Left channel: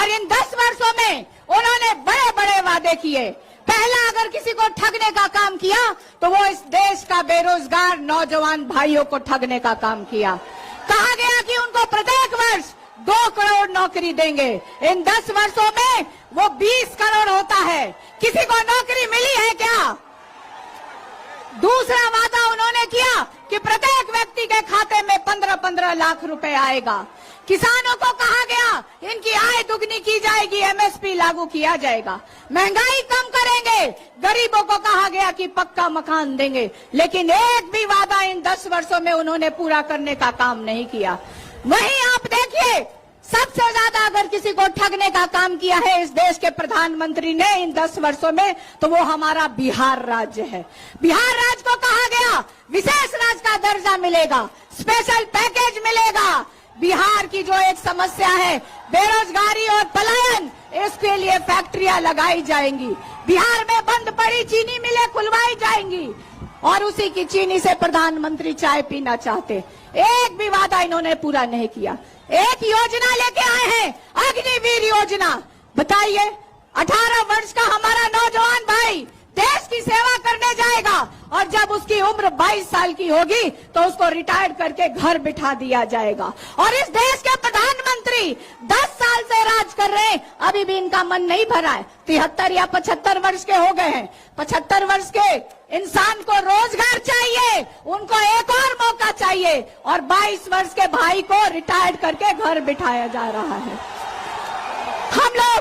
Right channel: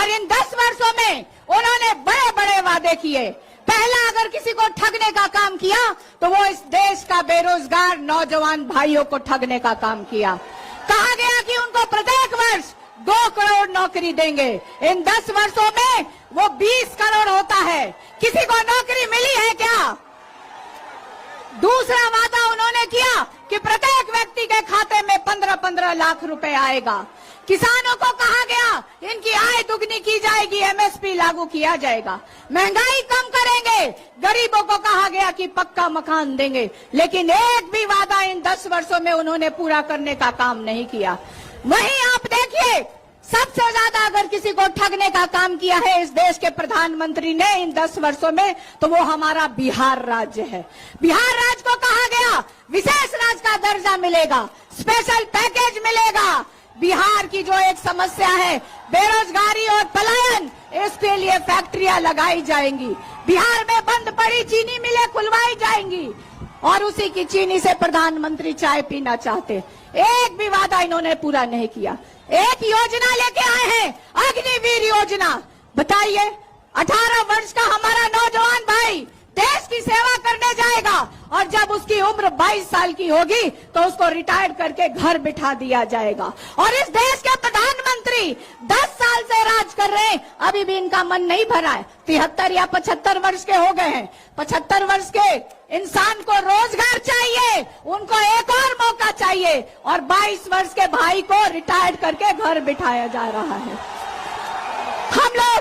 और इन 10 वर्षों में उन्होंने बड़े बड़े वादे किए। पहला, अगर किसी को ठगने का काम किया तो वो इस देश का बेरोजगार नौजवान भाइयों को ठगने का काम किया। कहा गया कि उनको प्रत्येक वर्ष 2 करोड़ नौकरी देंगे। इन 10 वर्षों में वो 20 करोड़ होता है। किसी को नौकरी मिली है क्या? दूसरा वादा उन्होंने किया कि प्रत्येक व्यक्ति के खाते में 15-15 लाख रुपए आएगा। किसानों को कहा गया इनकी आय दुगनी की जाएगी, एमएसपी लागू किया जाएगा, महंगाई कम करेंगे, गरीबों को कहा गया कि पक्का मकान देंगे। लेकिन एक भी वादा इन 10 वर्षों में उन्होंने पूरा करने का काम नहीं किया। वहीं आप देखिए, सबसे ज्यादा अगर किसी को ठगने का काम किया है इस देश के प्रधानमंत्री ने इन 10 वर्षों में, तो वो हमारा बिहार राज्य है। बिहार राज्य को कहा गया विशेष राज्य का दर्जा मिलेगा, स्पेशल पैकेज मिलेगा। बिहार की जो एक समस्या है बेरोजगारी और पलायन, इसके लिए फैक्ट्रियां लगाई जाएंगी। बिहार में बंद पड़ी चीनी मिलें खुलवाई जाएंगी और उसी की चीनी से प्रधानमंत्री चाय पीना चाहते। एक भी वादा इन्होंने पूरा नहीं किया। एक योजना लेके आए हैं, अग्निवीर योजना। बताइए, 18 वर्ष का हमारा नौजवान भाई देश की सेवा करने जाएगा और जब उसकी उम्र 22 साल की होगी तो उसको रिटायर करके घर बिठा दिया जाएगा। और इस देश के प्रधानमंत्री 10 साल से राज कर रहे हैं, अभी भी इनका मन नहीं भरा है। 73 या 75 वर्ष के हो गए हैं। 75 वर्ष के इंसान को रोजगार चाहिए, उनको एक और मौका चाहिए, और 22 वर्ष के भाई को रिटायर करके घर बिठाया जा रहा है। हम लोग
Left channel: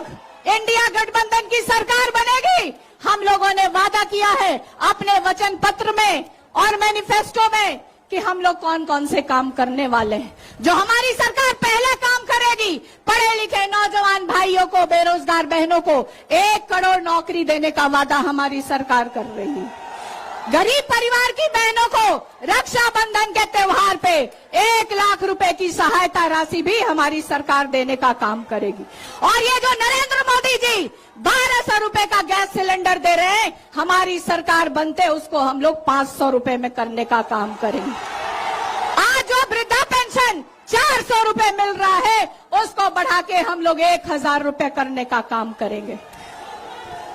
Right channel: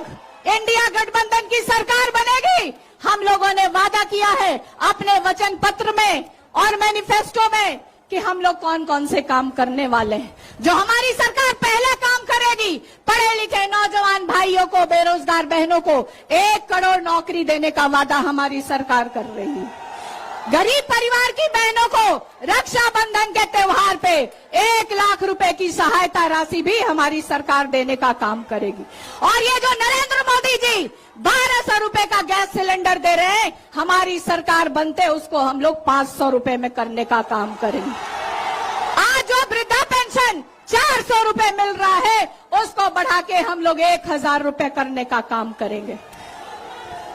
इंडिया गठबंधन की सरकार बनेगी। हम लोगों ने वादा किया है अपने वचन पत्र में और मैनिफेस्टो में कि हम लोग कौन कौन से काम करने वाले हैं। जो हमारी सरकार पहला काम करेगी, पढ़े लिखे नौजवान भाइयों को, बेरोजगार बहनों को 1 करोड़ नौकरी देने का वादा हमारी सरकार कर रही है। गरीब परिवार की बहनों को रक्षाबंधन के त्योहार पे 1 लाख रुपए की सहायता राशि भी हमारी सरकार देने का काम करेगी। और ये जो नरेंद्र मोदी जी 1200 रुपए का गैस सिलेंडर दे रहे हैं, हमारी सरकार बनते उसको हम लोग 500 रुपए में करने का काम करेंगे। आज जो वृद्धा पेंशन 400 रुपए मिल रहा है, उसको बढ़ा के हम लोग 1000 रुपए करने का काम करेंगे।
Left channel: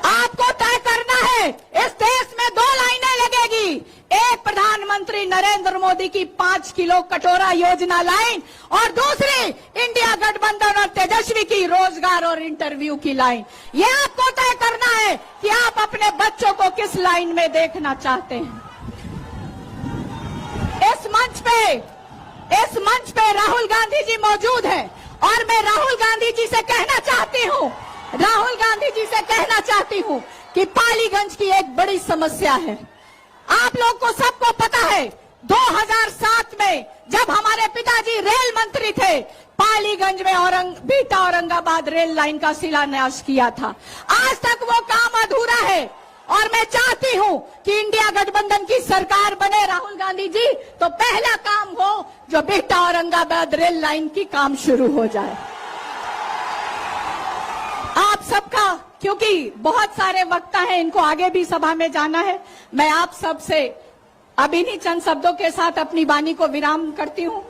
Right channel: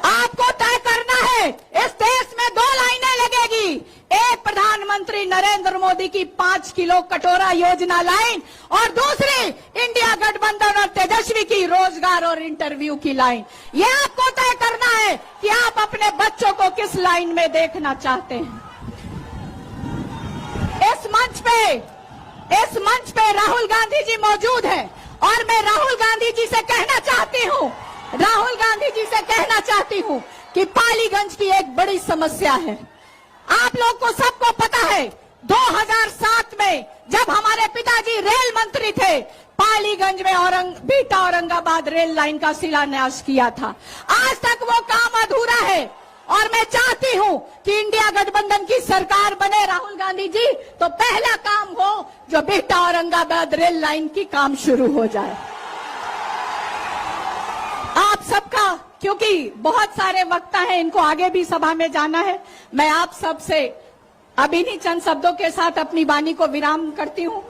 आपको तय करना है, इस देश में 2 लाइनें लगेगी। एक, प्रधानमंत्री नरेंद्र मोदी की 5 किलो कटोरा योजना लाइन, और दूसरी इंडिया गठबंधन और तेजस्वी की रोजगार और इंटरव्यू की लाइन। ये आपको तय करना है कि आप अपने बच्चों को किस लाइन में देखना चाहते हैं। इस मंच पे राहुल गांधी जी मौजूद हैं और मैं राहुल गांधी जी से कहना चाहती हूँ कि पालीगंज की एक बड़ी समस्या है। आप लोग को सबको पता है, 2007 में जब हमारे पिताजी रेल मंत्री थे, पालीगंज में बीटा औरंगाबाद रेल लाइन का शिलान्यास किया था। आज तक वो काम अधूरा है और मैं चाहती हूँ कि इंडिया गठबंधन की सरकार बने राहुल गांधी जी, तो पहला काम हो जो बीटा औरंगाबाद रेल लाइन की काम शुरू हो जाए। आप सबका, क्योंकि बहुत सारे वक्ता हैं, इनको आगे भी सभा में जाना है, मैं आप सबसे अभी चंद शब्दों के साथ अपनी वाणी को विराम करती हूँ।